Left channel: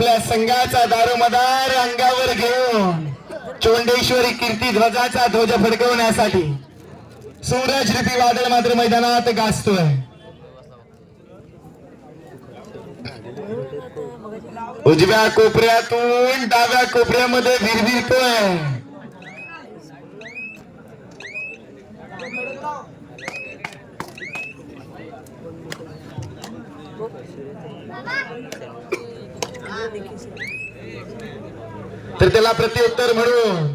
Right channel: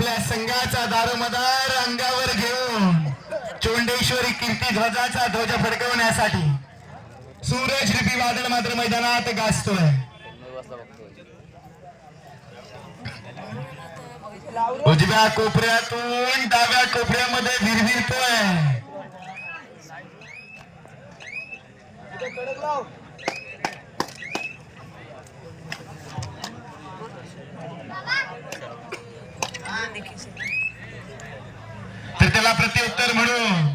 आपल्या संघाचा दारोमदार अंगावर घेऊन चोंडेश्वरी कीर्ती ध्वजाचा ध्वज फडकवण्यासाठी सूरज रूपी वादळ मात्र मैदानात गाजतोय. उजव्या कोपऱ्यातून डाव्या कोपऱ्यामध्ये भिरभिरतोय. तर त्याला प्रत्युत्तर म्हणून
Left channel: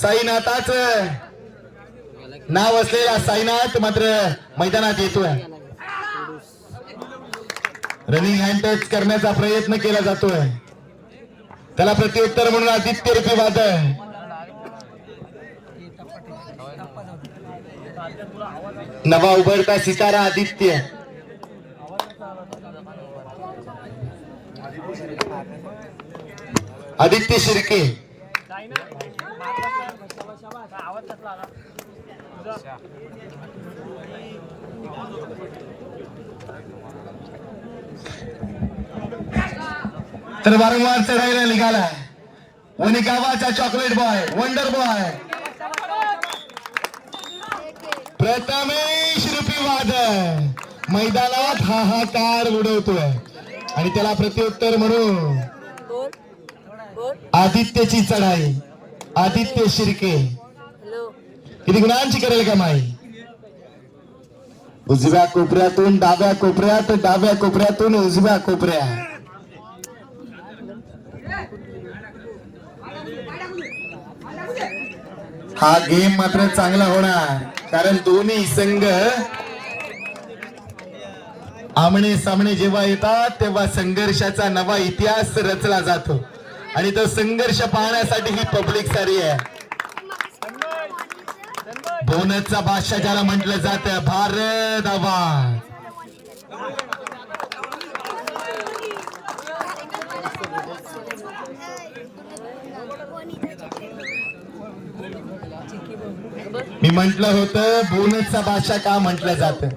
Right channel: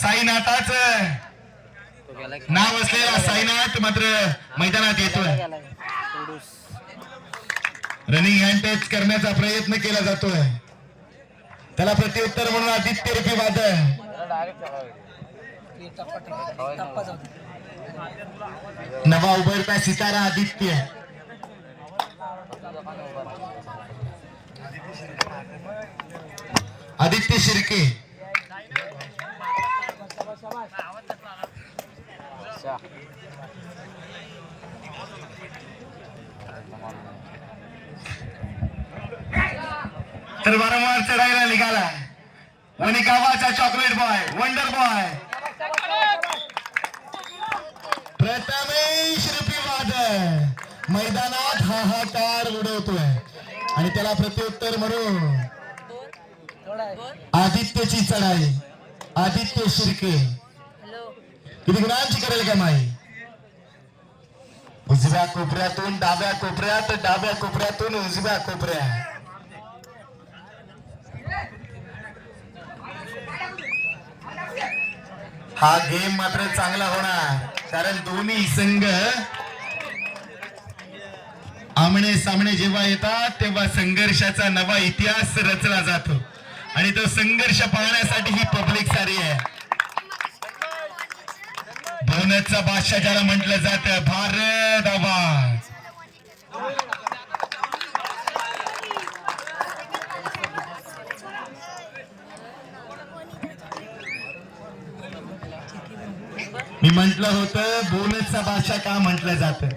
साईनाथाच नाव असलेला साईनाथ मात्र मैदानात येतोय. रनिंग हँड टच करण्याचा प्रयत्न केला जातोय. त्याला प्रत्युत्तर म्हणून आदित्य रूपी वादळ. नवा उभरता सितारा आदित्य. आदित्य शिर्के. तर वारंवार चढायला निघाला वणी गावाचा chocolate boy, wonder boy Prathamesh रूपी वादळ मैदानात हाहाकार उडवतोय. आणि त्याला प्रत्युत्तर म्हणून आदित्यची चढाई. आदित्य शिर्के किती गुणांची करेल कमाई. उजव्या कोपऱ्यातून डाव्या कोपऱ्यात, डाव्या कोपऱ्यातून उजव्या कोपऱ्यात. हा गेम मात्र चांगला होणार कारण दोन्ही संघ आमने सामने जेव्हा येतात तेव्हा संघर्षाचा नवा इतिहास रचला जातो. आणि तो संघर्ष पाहण्यासाठी ही पब्लिक सारी आहे. बोनसचा बादशाह ज्याला म्हटलं जातं, भारत आवाज. मी म्हटलं होतं बोनसचा बादशाह का म्हटलं जातं.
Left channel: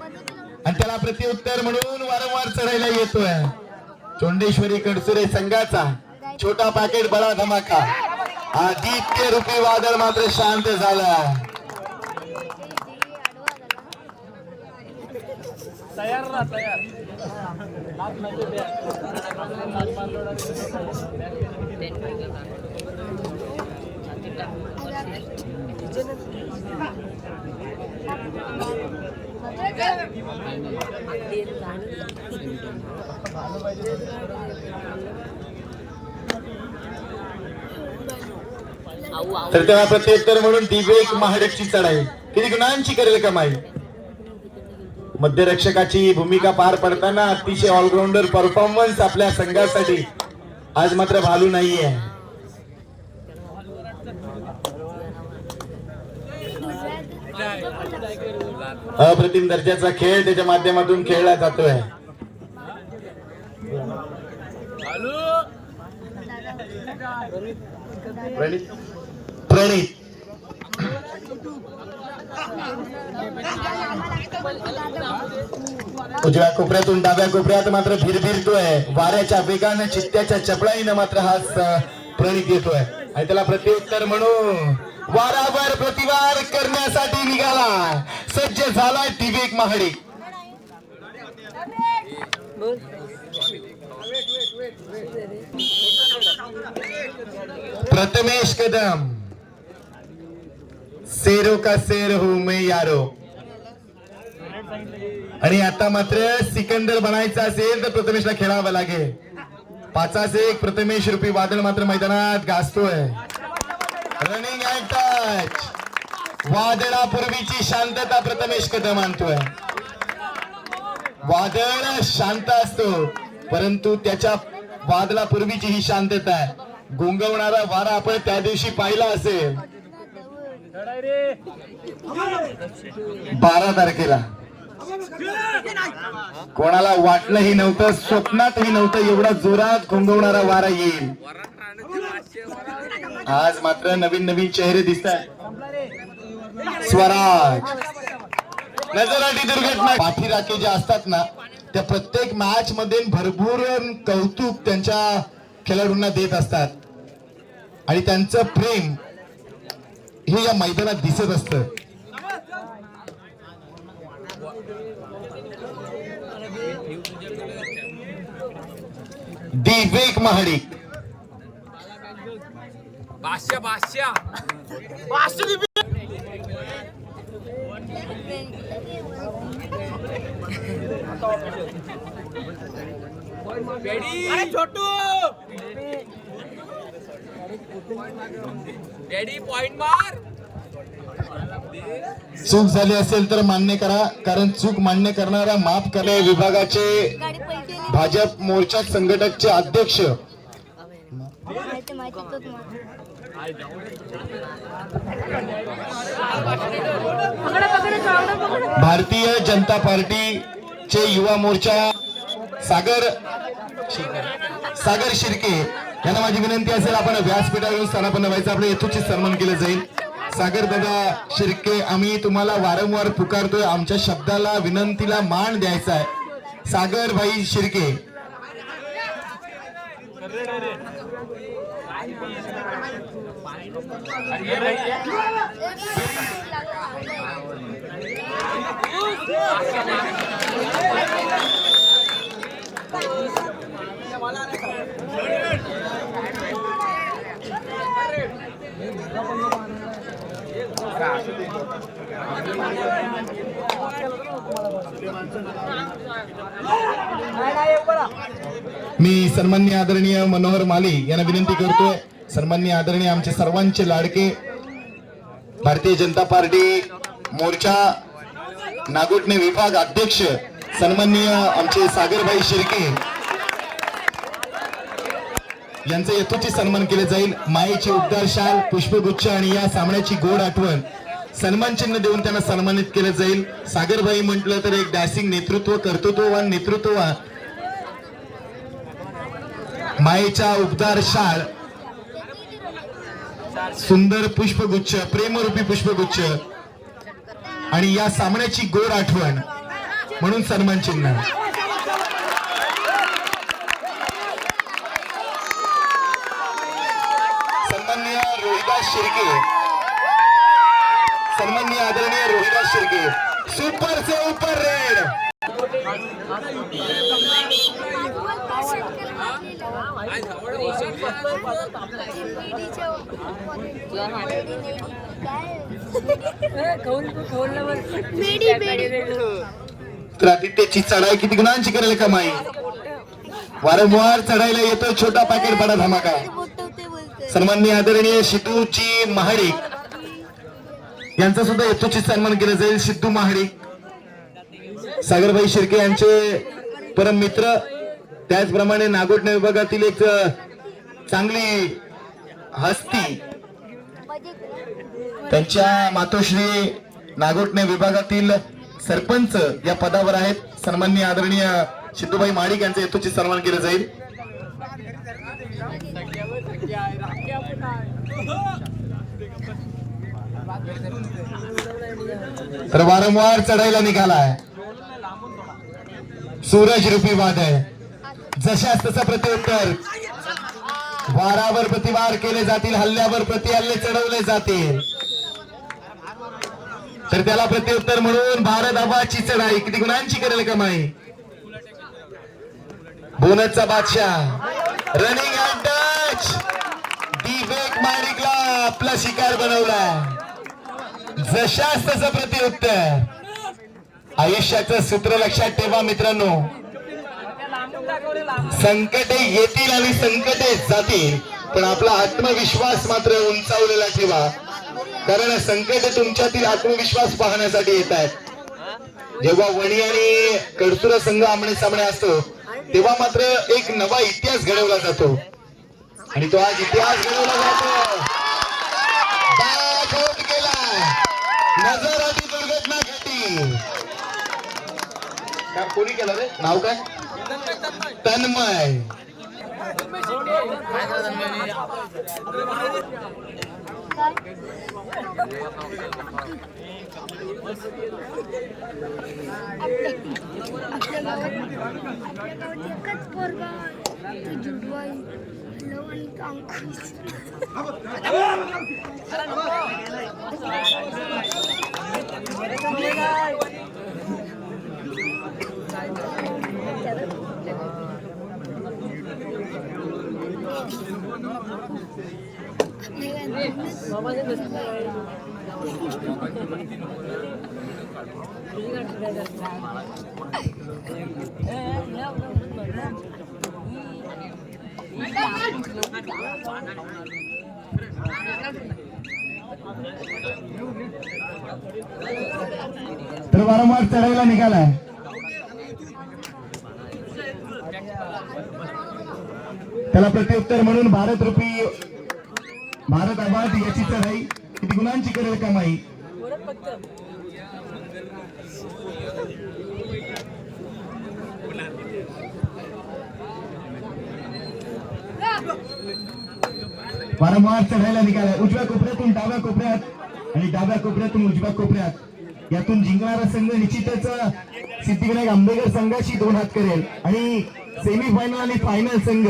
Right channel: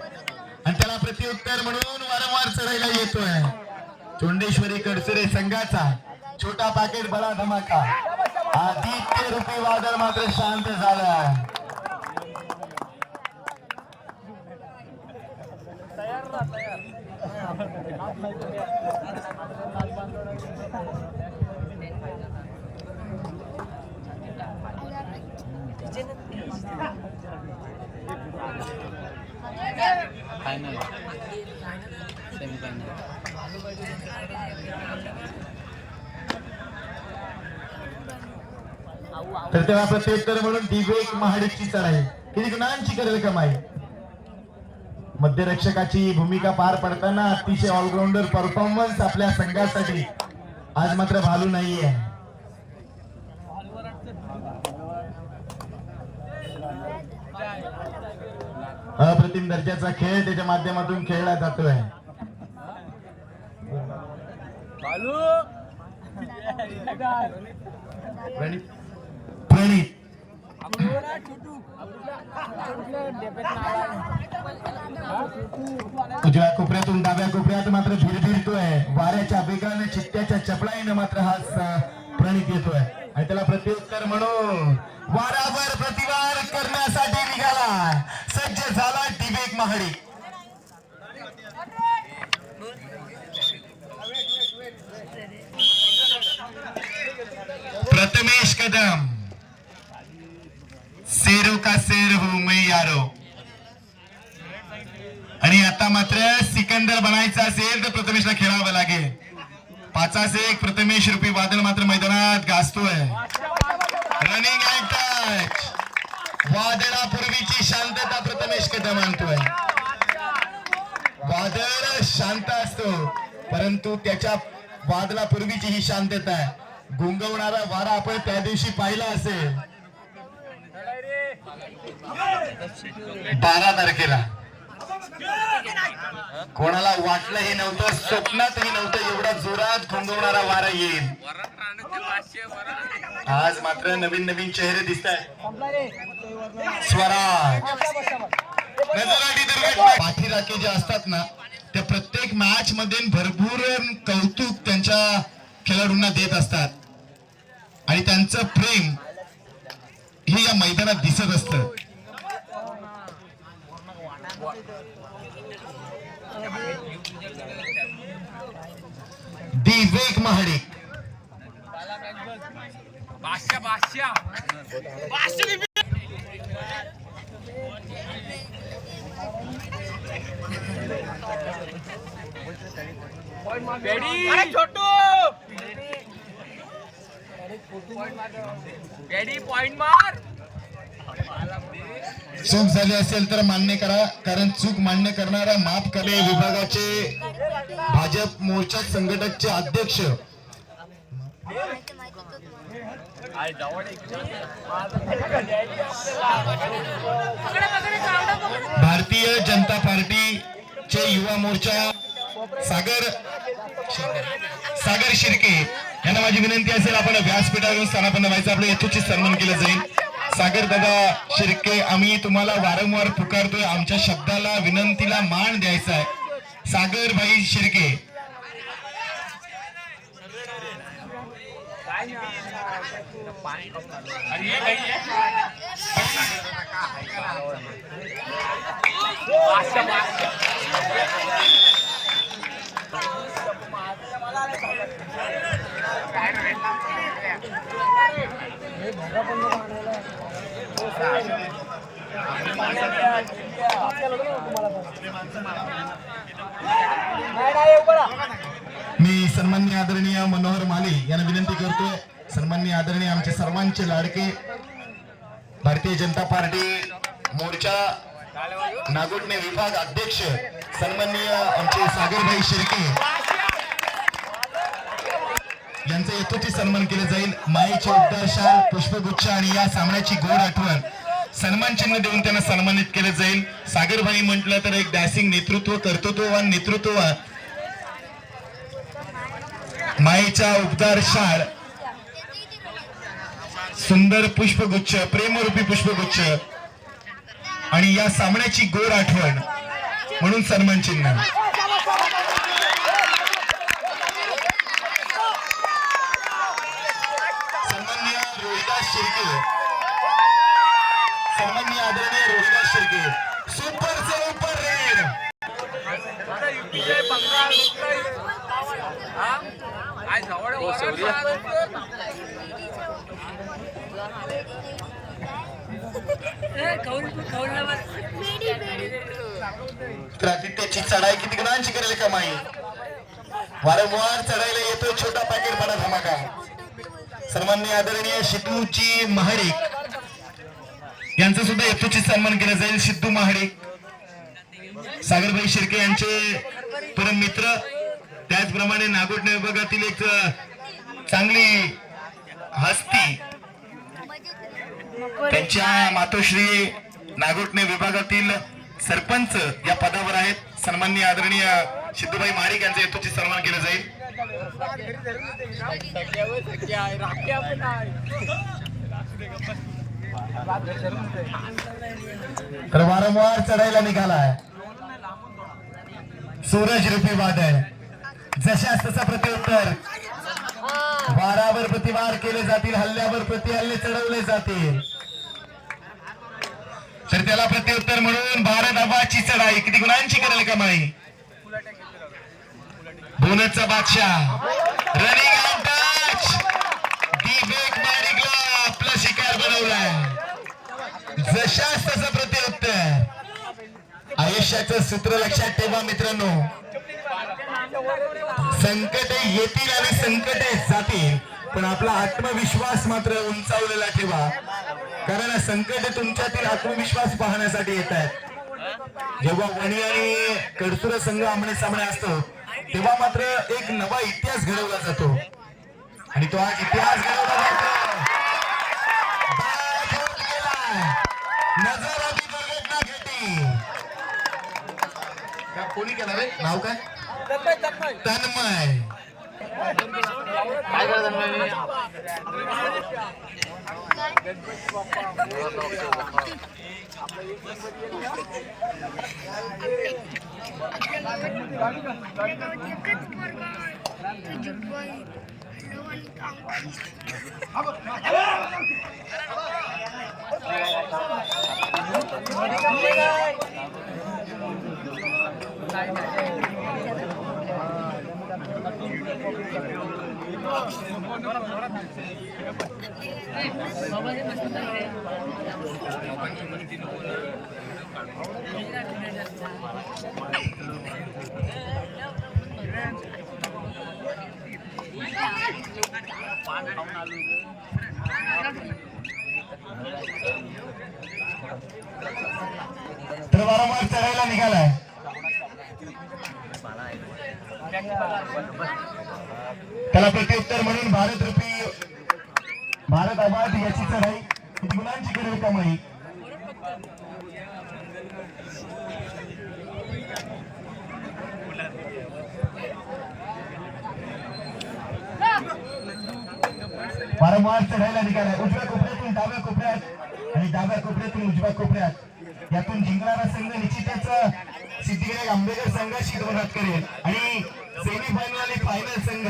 आणि त्याला प्रत्युत्तर म्हणून वारंवार चढायला येतोय. चोंडेश्वरी कडसरे संघाचा छोटा पॅकेट बडा धमाका. आदित्य रूपी वादळ मात्र शांत झाला. तर त्याला प्रत्युत्तर म्हणून दिवेक महाडकची चढाई. किती गुणांची करेल कमाई. मध्यरक्षकाची भूमिका पार पडताना अतिशय ऑलराऊंडर परफॉर्मन्स आपल्या संघासाठी आज मात्र भालू नाहीये. अप्रतिम दर्जाचा खेळ त्याच्या माध्यमातून खेळला जातोय. प्रणित उजव्या कोपऱ्यातून डाव्या कोपऱ्यात मात्र भिरभिरतोय. वाऱ्याच्या वेगाने चित्त्याच्या चपळाईनं मात्र हा प्रणित येतोय. आणि त्याला प्रत्युत्तर म्हणून वारावर प्रतिवार करण्यासाठी निघाला सज्ज झालाय दिवेक महाडी. प्रथमेश कदम. शेरो का शेर हूं मैं यारो. आणि आता मात्र सिकंदर बनायचा असेल तर प्रथमेशला खेळावं लागेल. 5-1 प्रथमेश रूपी वादळ मात्र मैदानात गाजतोय. Running and touch. वादळापूर्वीची शांतता प्रथमेश कदम आणतोय. वादळ शांत असतो परंतु त्याच्या वादळापूर्वीची ही शांतता गुंगवणारा वारा आपण त्या दिवशी पाहिला असेल 12 तारखेला. कोणाला वाटलंही नव्हतं, स्वप्नातही नव्हतं एवढा जोरात गुंगवणारा वारा येईल. आज मात्र नवीन नवीन चेहरे दिसत आहेत. स्वराज नजराटी दुर्घटना पाठीराखे जे असतात ना त्या प्रत्येक मॅच मध्ये भरपूर कौतुक त्यांच्या खेळाडूंना देत असतात आणि त्यांचं प्रेम हे या मैदानात दिसत असतं. विवेक महाडिक छोटू पॉइंट मार. चूक झाली असेल तर मान्य करा, कारण चूक मान्य करणारा माफ करणे विभागाचे भाजप मोर्चा संघटकचे अध्यक्ष भारतीय जनता पार्टीचे युवा मोर्चा सागर शिर्के यांना माझी विनंती असेल, आपण व्यासपीठावरून स्थानापन्न व्हायचं, आपलं यथोचित सन्मान केलं जाईल. सागर दादा शिर्के, आम्ही तुम्हाला वारंवार पुकारतोय, आमच्या शब्दाला विनंतीला मान द्यायचा आहे. सागर भाई शिर्के. मी सन्माननीय आदरणीय मनोहर माली यांना विनंती करतोय, सन्माननीय आदरणीय आमचे सर्वांचे लाडके भारतीय जनता पार्टी मोर्चा नागोठणे विभाग अध्यक्ष सन्माननीय आमचे सागरभाई शिर्के यांचे यथोचित सन्मान केले जाईल. मायेचे उद्गार, शाल, पुष्पगुच्छ आणि या सामन्याची गोड आठवण सन्मान चिन्ह देऊन त्यांना सन्मानित केले जाईल. सागरभाई म्हटलं तर एक डॅशिंग नेतृत्व, कर्तृत्ववान नेतृत्व, मायेचा उद्गार, शाळ, सुंदर पुष्पगुच्छ, प्रेमरूपी पुष्पगुच्छ आणि या सामन्याची गोड आठवण म्हणून सन्मान चिन्ह. सन्माननीय रोहिदास शिर्के, सन्माननीय आदरणीय रोहिदास शिर्के, सुपर से ऊपर रेड. तर आदित्यची चढाई किती गुणांची करेल कमाई, वारंवार चढायला येतो छोटा पॅकेट बडा धमाका. सन्माननीय आदरणीय सिद्धूजी महाडिक यांचा सुद्धा यथोचित सन्मान केला जाईल. सिद्धू महाडिक, सागरभाई शिर्के यांचे परम मित्र, त्याचप्रमाणे नागोठणे विभागातील एक चांगली हस्ती, त्यांच्या मातोश्री नागोठणे विभागातील सरपंच या पदावर आहेत. सन्माननीय आदरणीय सिद्धूभाई महाडिक यांचे यथोचित सन्मान केले जाईल. तर वारंवार चढायला निघालाय सूरज रूपी वादळ, जशास तसं प्रत्युत्तर, वारावर प्रतिवार केले जातील, हल्ल्यावर प्रतिहल्ले चढवले जातील. तर त्याला प्रत्युत्तर म्हणून भारत हवाची चढाई किती गुणांची करेल कमाई. बोनसचा बादशाह रनिंग टच, विवेक महाडिकला आपला शिकार बनवला. जशास तसं प्रत्युत्तर. आयुष्याचं सूत्र लक्षात ठेवा मित्रांनो, संकटे येतील आणि संकटे जातील, पण आपला आत्मविश्वास मात्र उंचावलेला ठेवा, कारण संकटे तुमच्यातील आत्मविश्वास पाहण्यासाठी येत आहेत. जेव्हा वणी आणि कडसुरा संघ आमने सामने असतो तेव्हा मात्र एक नवा इतिहास घडवला जातो आणि तो आज इतिहास घडवला जातो. बाद होत गेला, नजर आधी दुर्घटना घडली. काय कोणी केलं रे, नाव काय? तन्मय. आपल्या गावात एकच पोरगा तो जुडवाई लवण कांकीस तर वारंवार चढायला निघालाय. त्याला प्रत्युत्तर म्हणून भारत आबाद याची चढाई किती गुणांची करेल कमाई. वारंवार चढायला निघालाय. उजव्या कोपऱ्यातून डाव्या कोपऱ्यात आणि डाव्या कोपऱ्यातून उजव्या कोपऱ्यात यातून जिंकणारा संघ निश्चितच सिद्धिविनायक आंबेडकर संघाशी 2 हात करेल. आणि सेमीफायनल आणि फायनल संघ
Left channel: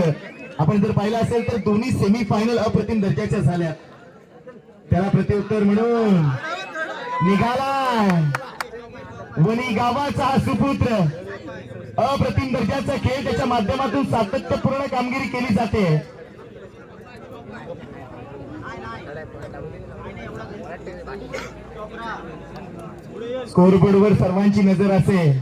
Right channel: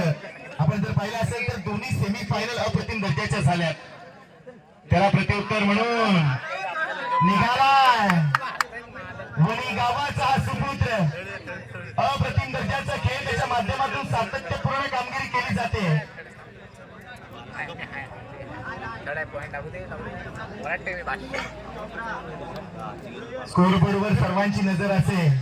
आपण जर पाहिलं असेल तर दोन्ही सेमीफायनल अप्रतिम दर्जाच्या झाल्या. त्याला प्रत्युत्तर म्हणून निघालाय वणी गावाचा सुपुत्र. अप्रतिम दर्जाचा खेळ त्याच्या माध्यमातून सातत्यपूर्ण कामगिरी केली जाते. स्कोरबोर्डवर सर्वांची नजर असेल.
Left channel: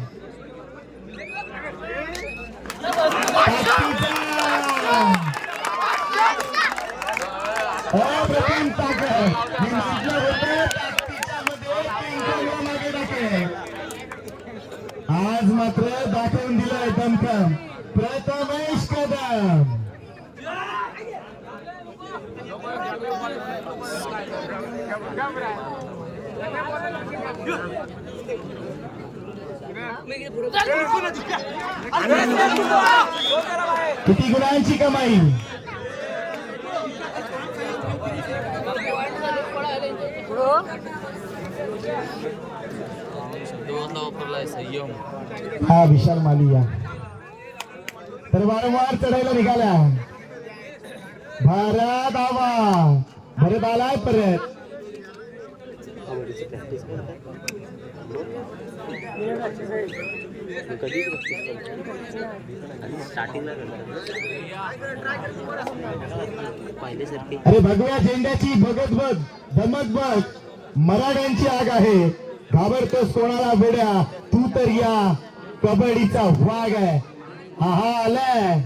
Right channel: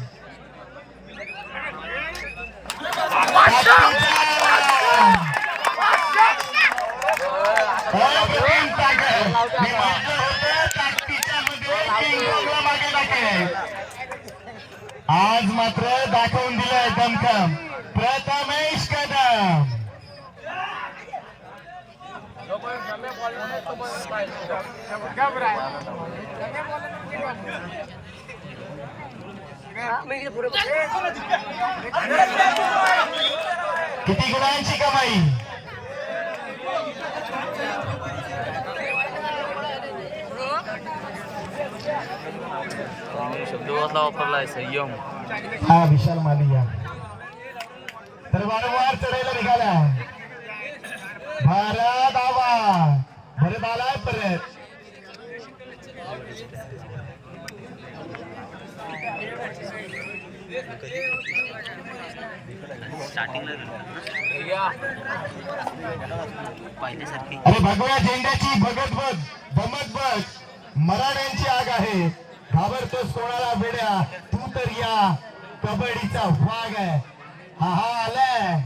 अप्रतिम ताकद. मी म्हटलं होतं ताकदीच्या मध्ये किंगकोंगला मागे टाकेल. आज मात्र दाखवून दिलंय दमखम प्रथमेश कदम. किती गुणांची कमाई. हा विशाल मालिया. तर वारंवार चढायला निघाला. भारत आलाय परत. अरे भगव्या झेंड्याची भगत बघ धमक बघ. मराठ्यांची आग आहे. घाबरतोस कोणाला वेड्या. तू तर या कबड्डीचा वाघ आहे. हा आलाय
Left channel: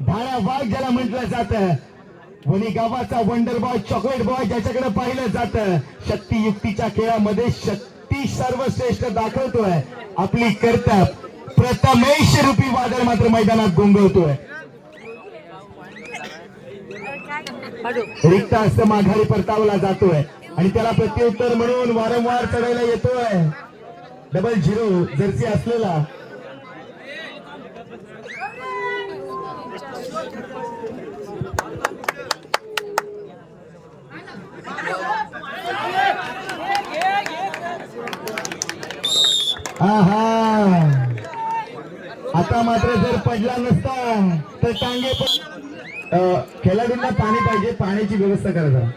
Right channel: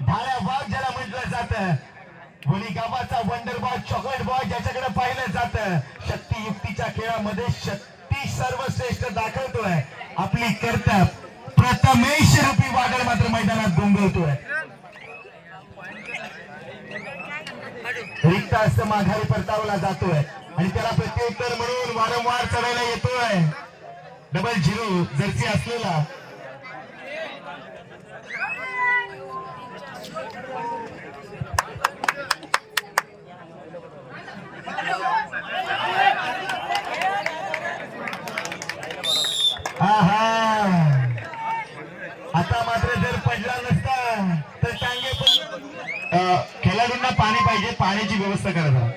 ढाळ्या वाघ ज्याला म्हटलं जातं. वणी गावाचा वंडर बॉय चॉकलेट बॉय ज्याच्याकडे पाहिलं जातं. शक्ती युक्तीच्या खेळामध्ये शक्ती सर्वश्रेष्ठ दाखवतोय. आपली कर्तव्य प्रथमेश रूपी वादळ मात्र मैदानात गोंगवतोय. रिक्त हस्त माघारी परतावला जातोय आणि त्याला प्रत्युत्तर म्हणून वारंवार चढायला येतोय 00 जर्सी असलेला. आता मात्र जर पडला नसता तर टांगे खेळाडूंना पाणी पाहिजे. पाण्याची व्यवस्था करा जरा.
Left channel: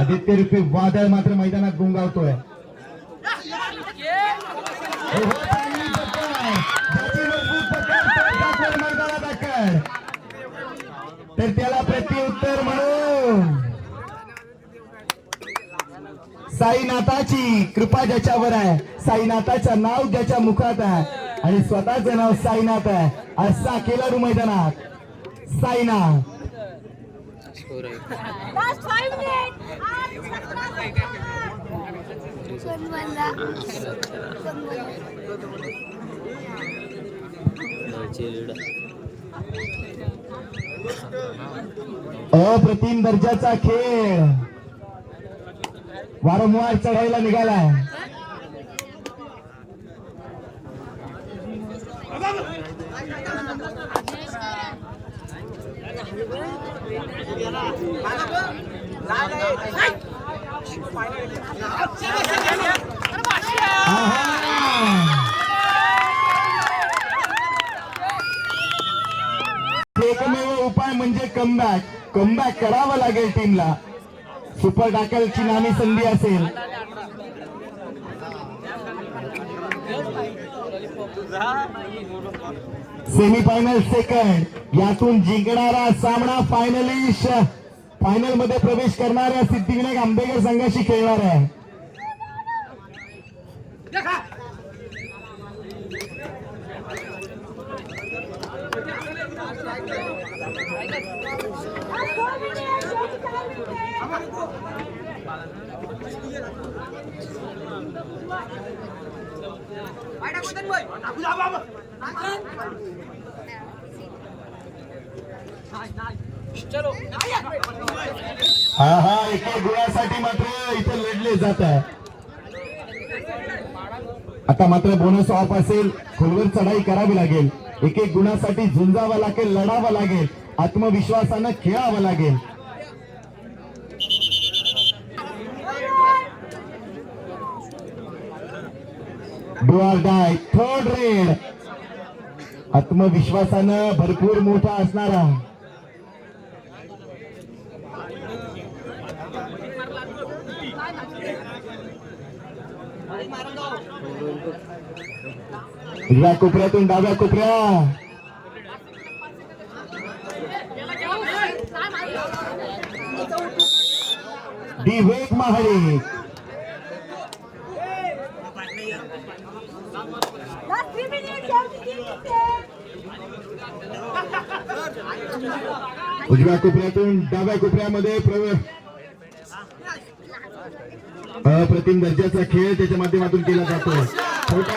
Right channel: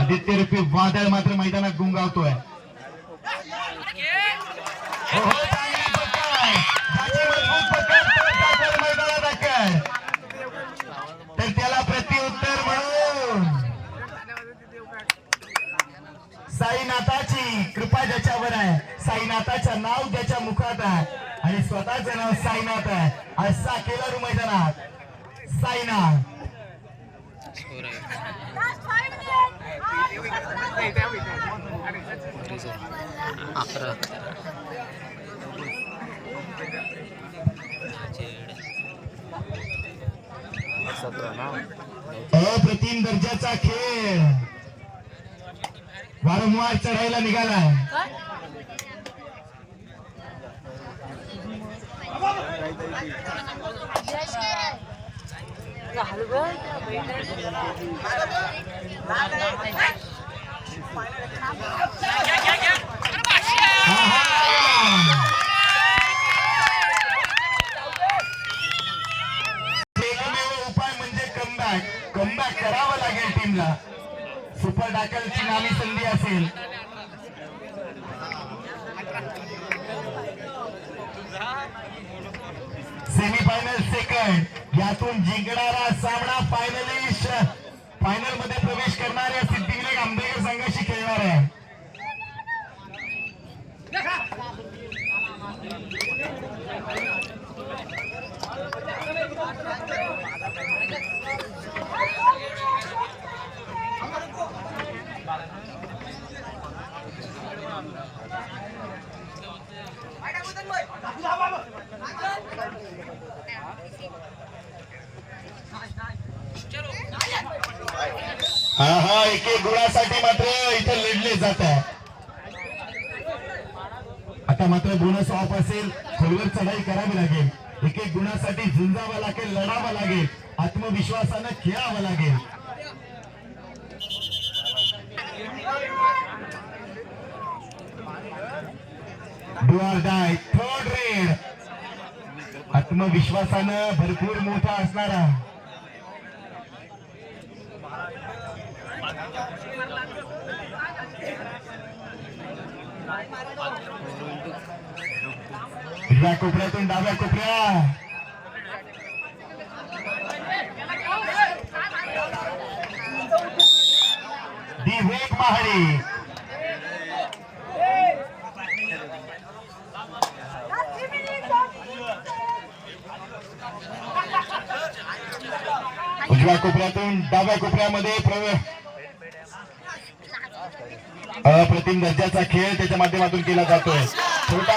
आदित्य रूपी वादळ मात्र मैदानात गुंगावतोय. मजबूत पकड मैदानात अक्कल. तर त्याला प्रत्युत्तर म्हणून साईनाथाची कृपा ज्याच्यावर आहे. साईनाथाचं नाव ज्याच्या मुखात आहे आणि स्वतःचं नाव साईनाथ आहे असा खेळाडू मैदानात साईनाथ. अप्रतिम दर्जाचा खेळ वारंवार चढायला निघाला. एकमेव उपाय म्हणजे कमबॅक करावं लागेल टीमला. सुपर टॅकलची नामी संधी असेल. सेमीफायनल सेकंड यातून जिंकणारा सामना फायनल मध्ये प्रवेश करणाऱ्या सिद्धिविनायक आंबेडकर संघाशी खेळणार आहे. हा एक गुणासाठी मात्र इथे लढले जात आहे. आता मात्र बोनस ऑफ असेल. खोलवर चढाई करावी लागेल. एक गुणासाठी झुंजावं लागेल, लढावं लागेल, आत्मविश्वासानं खेळावं लागेल. Do or die third red. आत्मविश्वासानं भरपूर मोठा असणारा उजव्या कोपऱ्यातून डाव्या कोपऱ्या दिवेक महाडिक. उजव्या कोपऱ्यातून डाव्या कोपऱ्यामध्ये अप्रतिम दर्जाचा खेळ त्याच्या माध्यमातून केला जातोय. छोटा